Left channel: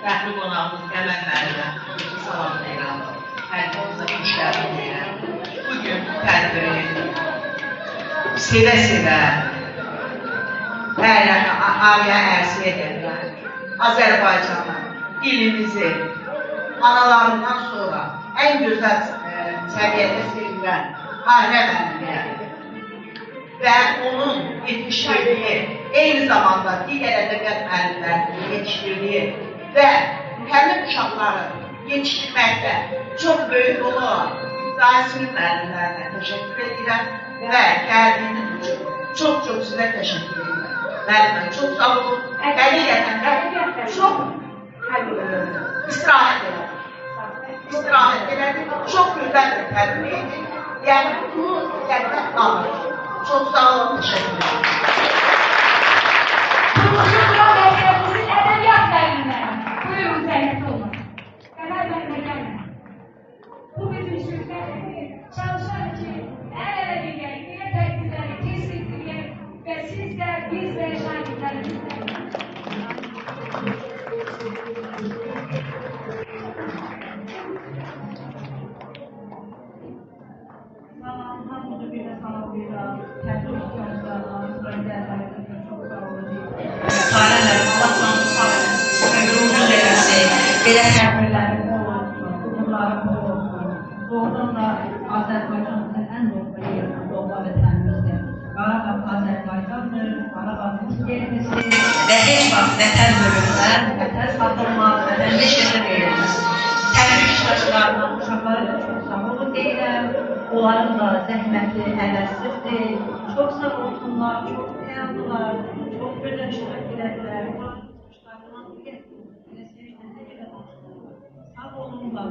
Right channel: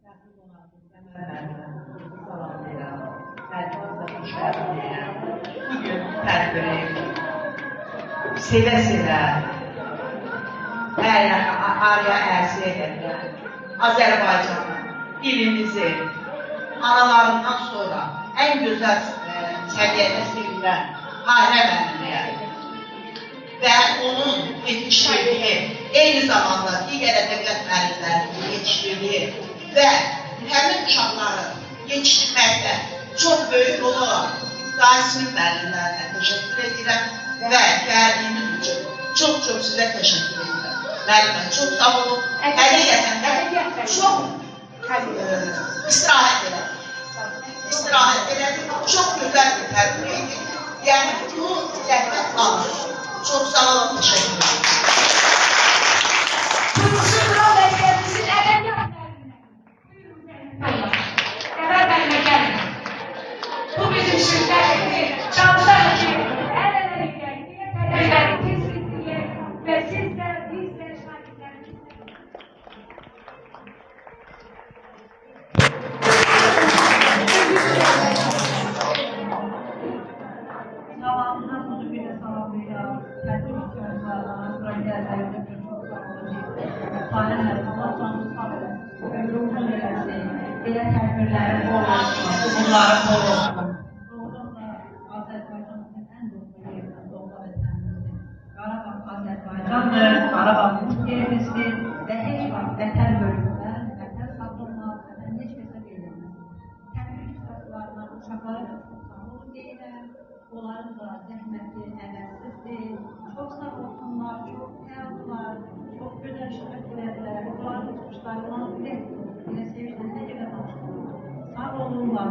Rəhli qonağımız Qəmən müəllimə salamlayıram. Hər olsa işlərim. Bugün tədbiri sevə-sevə ailə ərsi edirlər. Azərbaycanı, dilimizi analarından sonra ən gözəl səviyyədə sevilən Hahrə müəllimə və onun yetişdirdiyi, eyni zamanda digər ədəbiyyat müəllimlərinin yetişdirdiyi və həmin uşaqları yetişdirməkdə çox böyük rolu olan Qasim müəllimlərinə təşəkkür edirəm və gəldiyiniz üçün çox sizə təşəkkür edirəm. Müəllimə, çox sağ olun. Həqiqətən də çox istirahət elədik. İstirahət elədik, çox gözəl bir tərbiyyə edik. Yəni, bunu zəhmət alır. Çok sağ olun, teşekkür ederim. Turgut'un Burak Bey'in edebiyat dergine. Buyurun Zeynep Hanım. Evet benimle gelin. Bu bizim şirketimiz. Çalışan için el ele birlikte tedbirleri tespitliye ve siz de biz de şahitlerimizle. Belə tədbirlərin olmasın, bunların olmasın. Doğrudan da Azərbaycanımızın ən doğma yerinin doğma vətənimizdir. Qarabağ Azərbaycandır, Qarabağ bizim yerimizdir və heç vaxt vətən bölünməz, vətən satılmaz, vətən heç kəsə verilməz. Tədbir iştirakçılarından uşaqları da çox sağ olun deyirəm. Onların da zəhməti ələssizdir. Çox sağ olsunlar, çox fəyaldılar, çox gözəl iştirak edədilər. Onların çıxışlarından bilir. Sağ olunlar.